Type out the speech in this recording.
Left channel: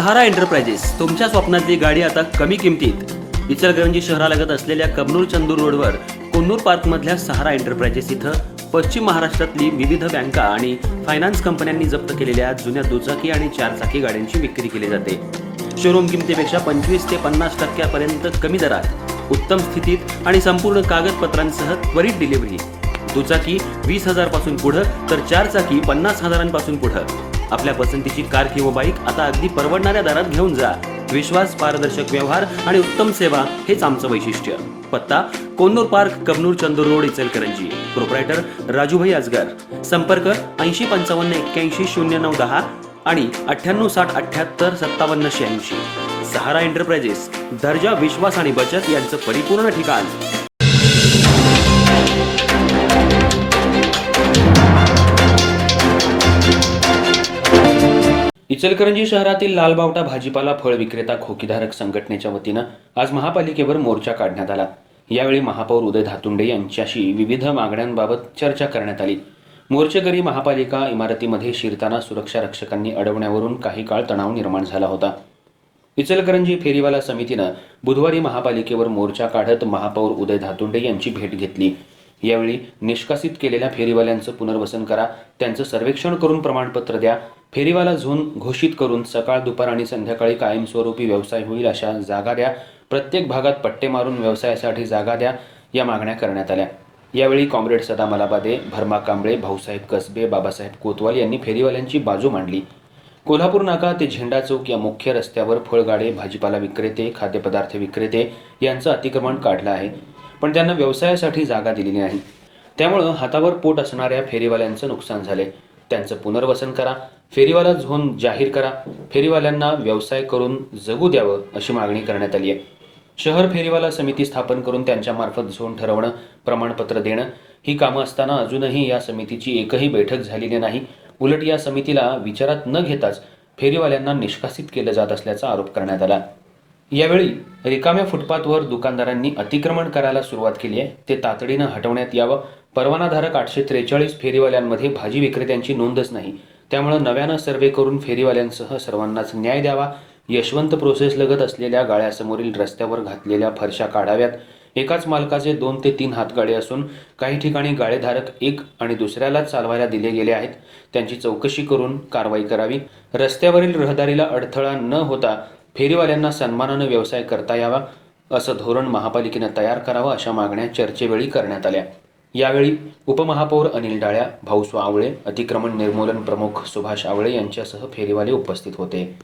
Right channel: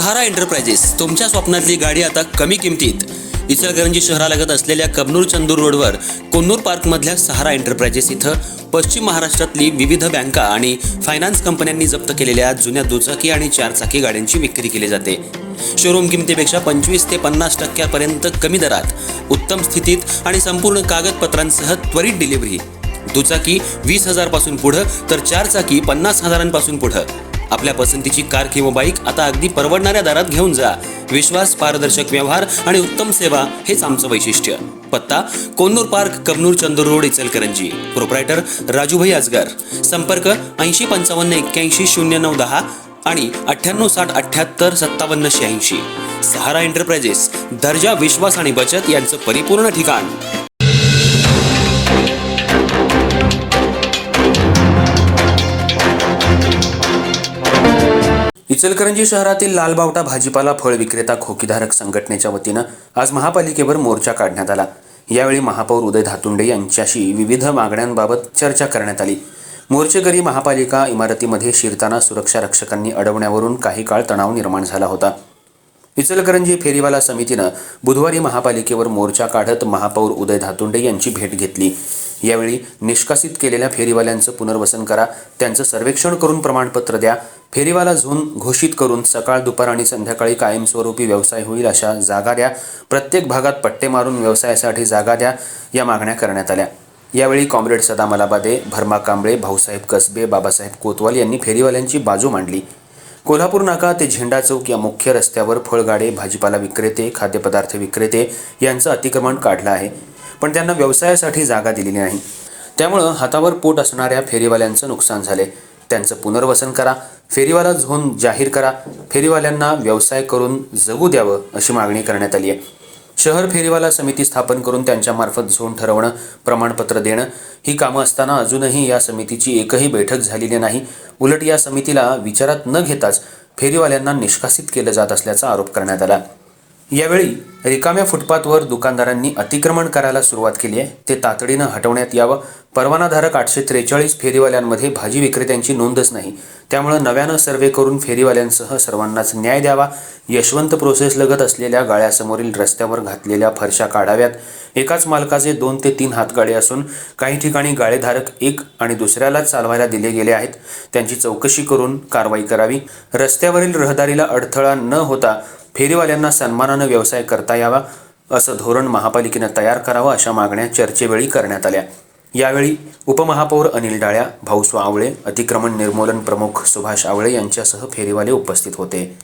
सहारा enterprises तुमच्या स्वप्नातली गाडी आता कमी किमतीत. इचलकरंजी शहरालगत असलेल्या कबनूर चंदूर रोडवर कोन्नूर पार्कमधल्या सहारा एंटरप्राइजेस इथं पश्चिम महाराष्ट्रातली विविध बँका आणि फायनान्स कंपन्यांनी जप्त केलेल्या जुन्या दुचाकी आणि चारचाकी गाड्यांची विक्री केली जाते. शोरूम किमतीपेक्षा 25 ते 50% कमी दरात, उत्तम स्थितीत आणि संपूर्ण कागदपत्रांसह त्वरित डिलिव्हरी. दुचाकी 20,000 पासून पुढे तर चारचाकी 50,000 पुढे. आपल्या पसंतीची कार किंवा बाईक आता अगदी परवडणाऱ्या दरात घेऊन जा. विश्वास, पारदर्शक व्यवहार आणि उत्तम सेवा हेच आमचं वैशिष्ट्य. पत्ता Konnur park, Kabnur Chandur road, Ichalkaranji. Proprietor Rajubhai Ajgar. संपर्क 8055810910 आणि 9860785786. सहारा एंटरप्राइजेस, दर्जा, विश्वास आणि बचत यांचं परिपूर्ण ठिकाण. इचलकरंजी शहरातील लालबावटा भाजीपाला फळ विक्रेता खोकीधारक संघटनेच्या वतीनं आज महापालिकेवर मोर्चा काढण्यात आला. यावेळी महापौर उदय धातुंडे यांच्याशी विविध मागण्यांबाबत चर्चा करण्यात आली. मोर्चेकरी महापालिका इमारतीमध्ये शिरताना सुरक्षा रक्षकांनी अडवण्यावरून काही काळ तणाव निर्माण झाला होता. इचलकरंजी फेरीवाला समितीनं बुधवारी महापालिकेवर मोर्चा काढत महापौर उदय धातुंडे यांची भेट घेतली. यावेळी निष्कासित केलेल्या फेरीवाल्यांचं पुनर्वसन करा, त्यांचं सर्वेक्षण करून प्रमाणपत्र द्या, फेरीवाला झोन घोषित करून सकाळ, दुपार आणि संध्याकाळी कायमस्वरूपी व्यवसाय होईल अशा जागा द्या, प्रत्येक भागात पट्टे मारून व्यवसायासाठी जागा द्या, या मागण्या करण्यात आल्या. यावेळी कॉम्रेड सदा मलाबादे, भरमा कांबळे, भाऊसाहेब कसबे, बाबासाहेब कोतवाल यांनी फेरीवाल्यांची बाजू मांडली. कोल्हापूर नाका ते झेंडा चौक या मुख्य रस्त्यावर फळगाडे, भाजीपाला विक्रेते, खाद्यपदार्थ विक्रेते यांचं अतिक्रमण काढलं आहे, पण त्यांना व्यवसायासाठी जागा दिलेली नाही. त्यामुळं हातावर पोट असणाऱ्या फेरीवाल्यांचं नुकसान झाले. त्यांचं पुनर्वसन करा, फेरीवाला झोन जाहीर करा, फेरीवाल्यांना व्यवसाय करून जगू द्यावं अशी मागणी करण्यात आली आहे. शहर फेरीवाला समिती स्थापन करून त्यांच्यामार्फत झोन ठरवणं, प्रमाणपत्र देणं ही कामं असताना अजूनही या समितीची एकही बैठक झालेली नाही. उलट या समितीला विचारात न घेताच फेरीवाल्यांना निष्कासित केलं जात असल्याचा आरोप करण्यात आला. यावेळी रिकाम्या फुटपाथवर दुकानदारांनी अतिक्रमण करायला सुरुवात केली आहे, ते तातडीनं हटवण्यात यावं. परवानाधारक 843 फेरीवाल्यांमध्ये भाजी विक्रेत्यांची नोंदच नाही, त्यामुळं नव्यानं सर्वे करून फेरीवाल्यांसह सर्वांनाच न्याय द्यावा. यशवंत प्रोसेस लगत असलेल्या गाळ्यासमोरील रस्त्यावर घातलेल्या फरशा काढाव्यात. एकाच मालकाचे 2 ते 3 हातगाडे असून काही ठिकाणी गाळेधारक एक आणि दुसऱ्यालाच चालवायला दिले गेले आहेत, त्यांची चौकशी करून कारवाई करावी. रस्त्यावरील रहदारीला अडथळा न होता फेरीवाल्यांना सन्मानानं व्यवसाय करता यावा असं धोरण महापालिकेनं तयार करावं, अशा मागण्या चर्चेवेळी करण्यात आल्या. यावेळी उपमहापौर अनिल डाळ्या, भाऊस्वा आवळे, अतिक्रमण निर्मूलन प्रमुख सुभाष आवळे यांच्यासह फेरीवाले उपस्थित होते.